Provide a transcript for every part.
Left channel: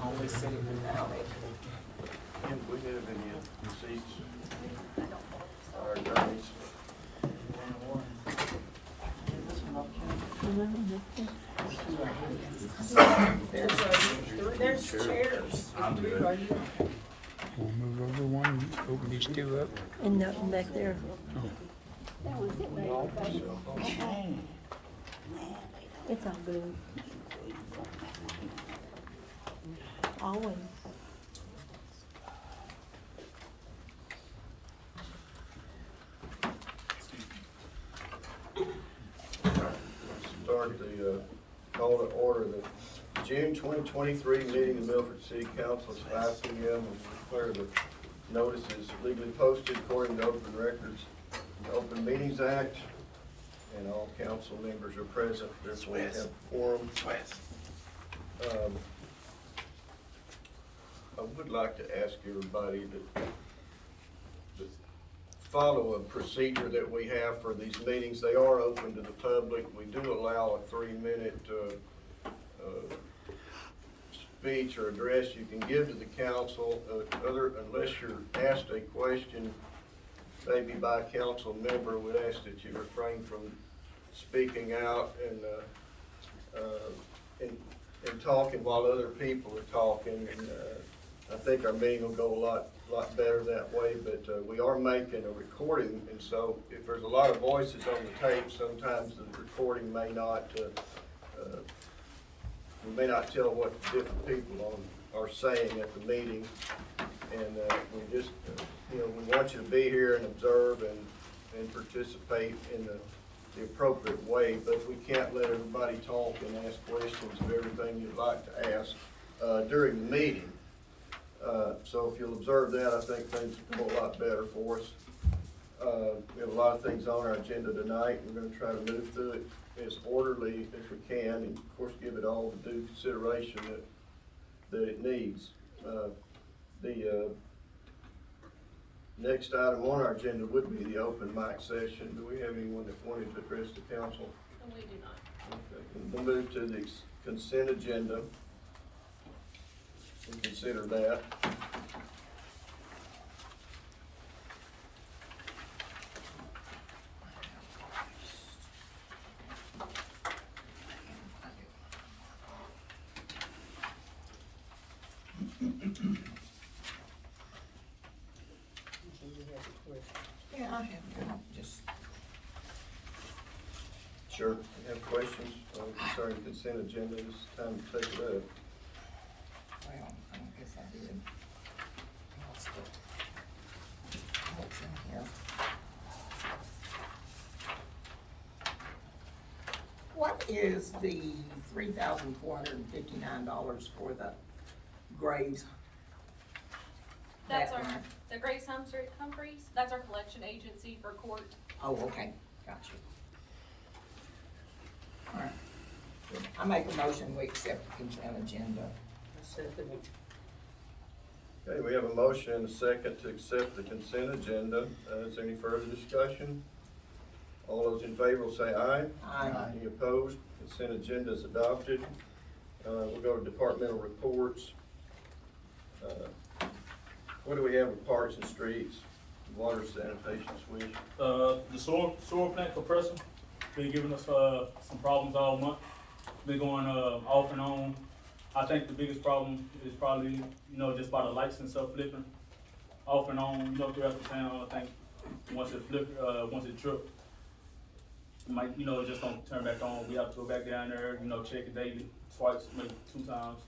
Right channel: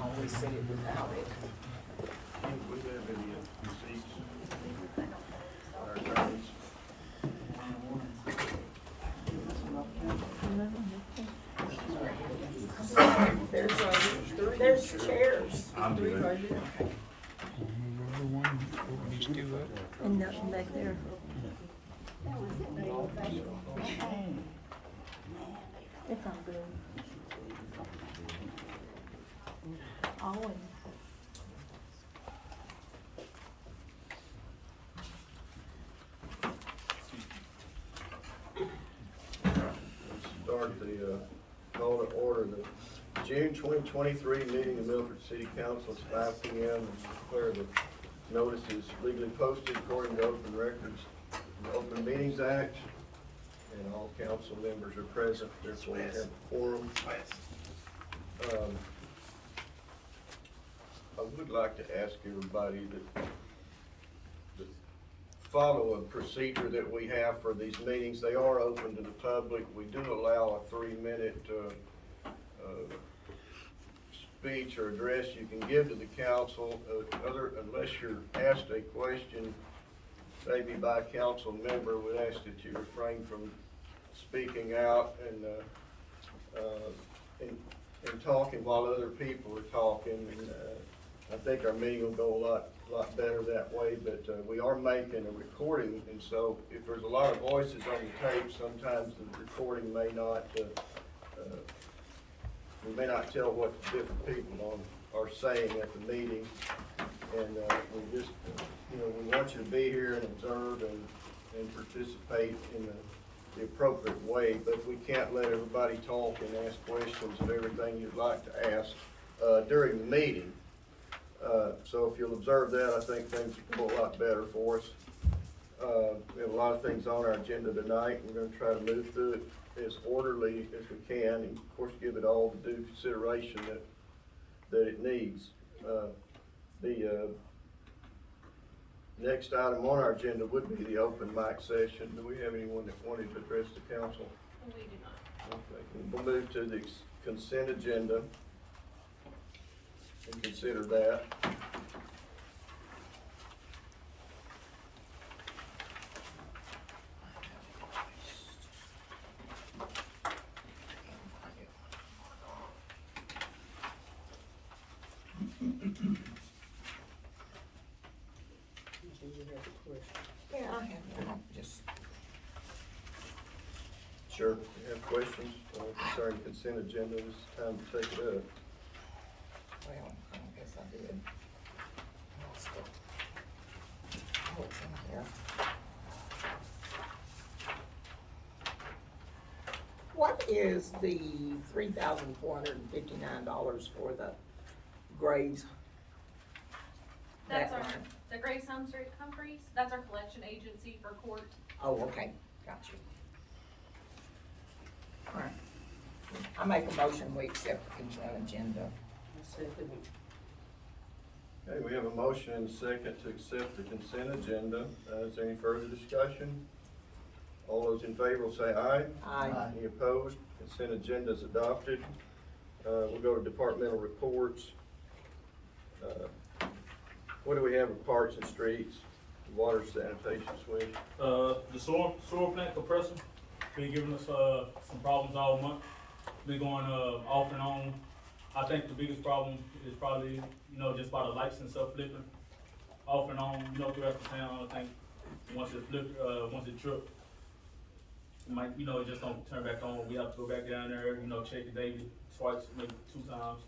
always said it without it. We have any receipts? Our attorneys. There's chairs. Three right here. We'll move over one, open these two up. And nothing back there. It's all good. All of them. Let's start the call to order the June 2023 meeting of Milford City Council. It's 5 p.m. and declare the notice is legally posted according to open records, the Open Meetings Act, and all council members are present. Therefore, we have a quorum. I would like to ask everybody that follow a procedure that we have for these meetings. They are open to the public. We do allow a 3-minute speech or address you can give to the council, unless you're asked a question maybe by a council member, would ask that you refrain from speaking out and talking while other people are talking. And I think our meeting will go a lot better that way, but we are making a recording, and so if there's a lot of voices on the tape, sometimes the recording may not, we may not tell what different people are saying at the meeting. And we just, we want you to be here and observe and participate in the appropriate way, but we can't let everybody talk and ask questions of everything you'd like to ask during the meeting. So if you'll observe that, I think things will go a lot better for us. We have a lot of things on our agenda tonight. We're going to try to move through it as orderly as we can, and of course give it all the due consideration that it needs. The next item on our agenda would be the open mic session. Do we have anyone that wanted to address the council? We do not. Okay, and we'll move to the consent agenda and consider that. Yeah, I have one. Just Sure, if you have questions concerning consent agenda, it's time to take it up. Well, I guess I did. Lost it. Oh, it's in here. What is the $3,459 for the graves? That's That our, one. the Grace Humphreys, that's our collection agency for court. Oh, okay, got you. All right. I make a motion, we accept the consent agenda. Okay, we have a motion and a second to accept the consent agenda. Is there any further discussion? All those in favor will say aye. Aye. Any opposed? Consent agenda is adopted. We'll go to departmental reports. What do we have in parks and streets, water sanitation switch? The sewer plant compressor been giving us some problems all month. Been going off and on. I think the biggest problem is probably just by the lights and stuff flickering off and on throughout the town. I think once it trips, it might it just don't turn back on. We have to go back down there, check it daily, twice, maybe 2 times,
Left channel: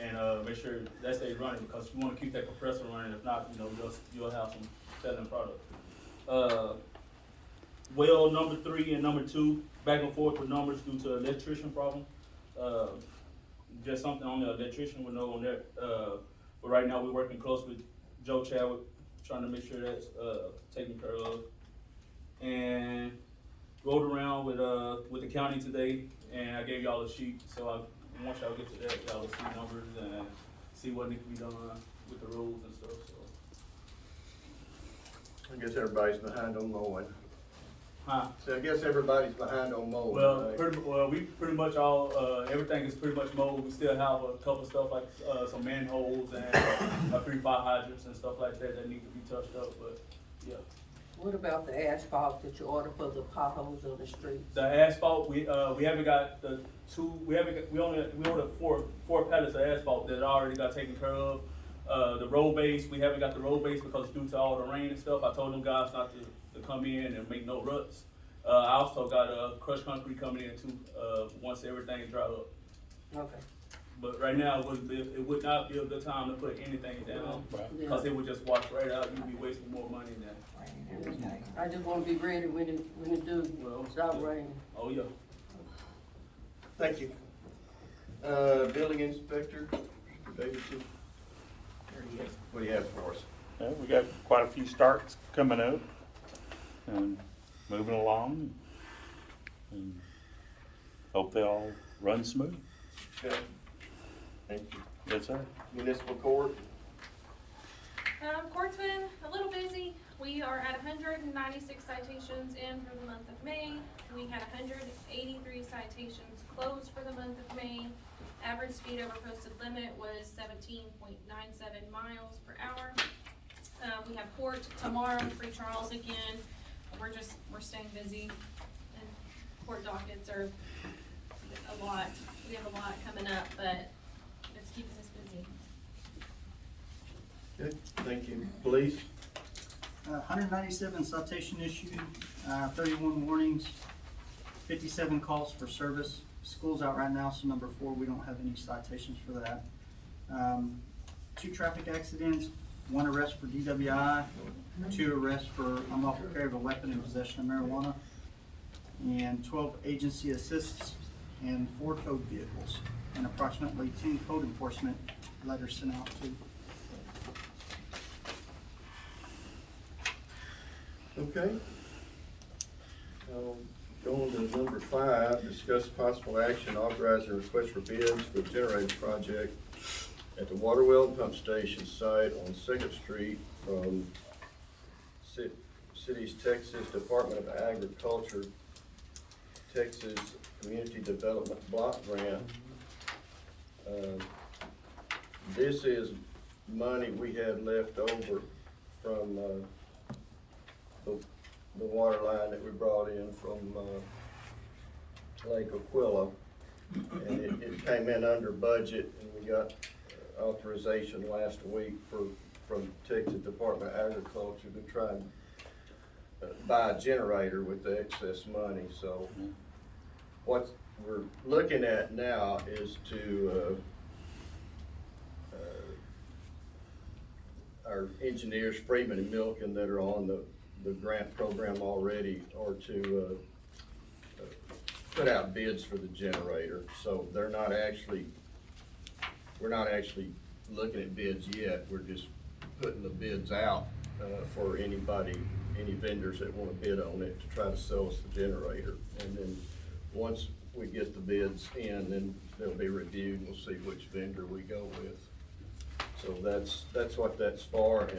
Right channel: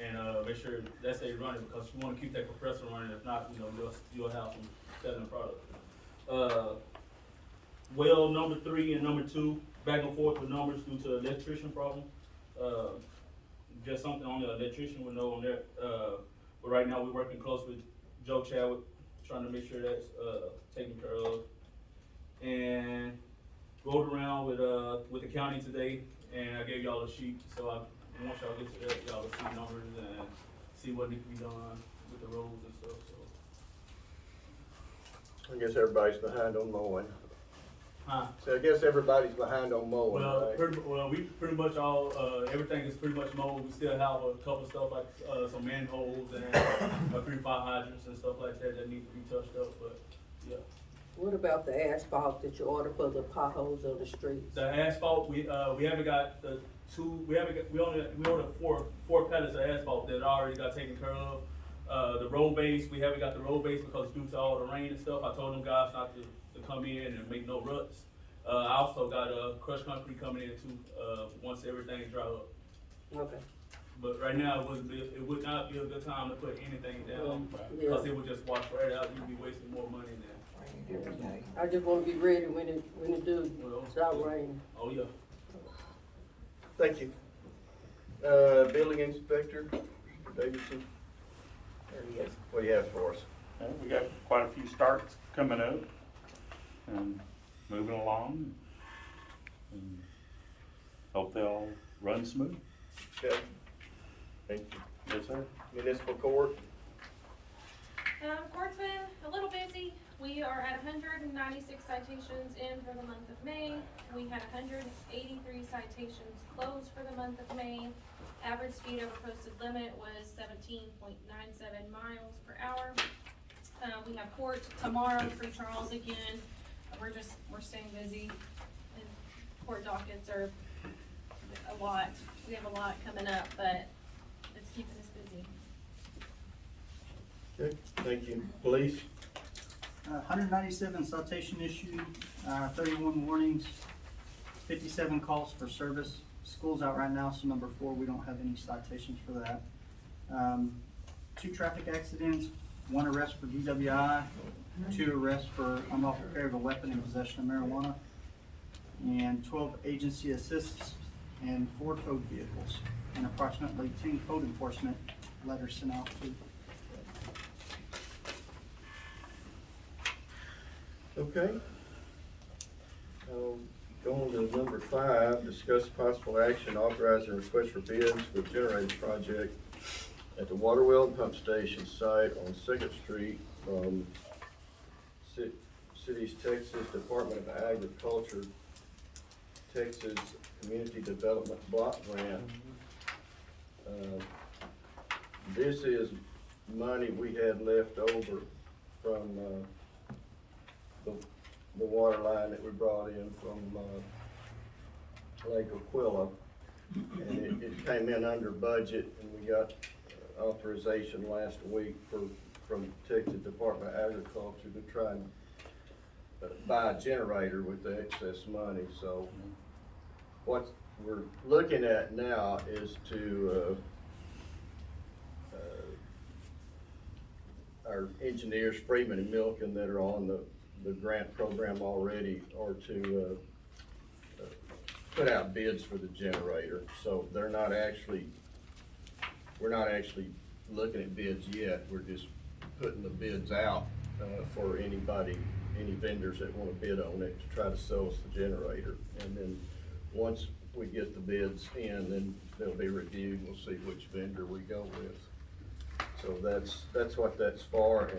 and make sure that stays running, because you want to keep that compressor running. If not, you'll have some selling product. Well, number 3 and number 2, back and forth with numbers due to electrician problem. Just something on the electrician would know on that. But right now we're working close with Joe Chadwick, trying to make sure that's taken care of. And rode around with the county today, and I gave y'all a sheet. So once y'all get to that, y'all will see numbers and see what needs to be done with the roads and stuff. So I guess everybody's behind on mowing. So I guess everybody's behind on mowing, Well, right? we pretty much all, everything is pretty much mowed. We still have a couple stuff like, some manholes and, 3 fire hydrants and stuff like that that need to be touched up, but, yeah. What about the asphalt that you ordered for the potholes of the streets? The asphalt, we haven't got we ordered four pallets of asphalt that already got taken care of. The road base, we haven't got the road base because due to all the rain and stuff, I told them guys not to come in and make no ruts. I also got, crushed concrete coming in too, once everything dry up. Okay. But right now, it would not be a good time to put anything down, Yeah. because it would just wash right out, you'd be wasting more money than that. Rain every day. I just wanna be ready when it do Well, stop yeah. raining. Oh, yeah. Thank you. Building inspector, Davidson, There he is. what do you have for us? Yeah, we got quite a few starts coming up and moving along. And hope they all run smooth. Okay. Thank you. Yes, sir. Municipal court, Court's been a little busy. We are at 196 citations in for the month of May. We had 183 citations closed for the month of May. Average speed over posted limit was 17.97 miles per hour. We have court tomorrow, free trials again. We're staying busy, and court dockets are a lot. We have a lot coming up, but it's keeping us busy. okay, thank you. Police, 197 citation issued, 31 warnings, 57 calls for service. School's out right now, so number 4, we don't have any citations for that. 2 traffic accidents, 1 arrest for DWI, 2 arrests for unlawful carry of a weapon and possession of marijuana, and 12 agency assists, and 4 code vehicles, and approximately 10 code enforcement letters sent out too. okay. Going to number 5, discuss possible action authorizing request for bids for the generator project at the water well and pump station site on 2nd Street from City's Texas Department of Agriculture, Texas Community Development Block Grant. This is money we had left over from, the water line that we brought in from, Lake Aquila. And it came in under budget, and we got authorization last week from Texas Department of Agriculture to try and buy a generator with the excess money. So what we're looking at now is to, our engineers, Freeman and Milken, that are on the grant program already, are to put out bids for the generator. So we're not actually looking at bids yet. We're just putting the bids out for any vendors that want to bid on it to try to sell us the generator. And then once we get the bids in, then they'll be reviewed and we'll see which vendor we go with. So that's what that's for.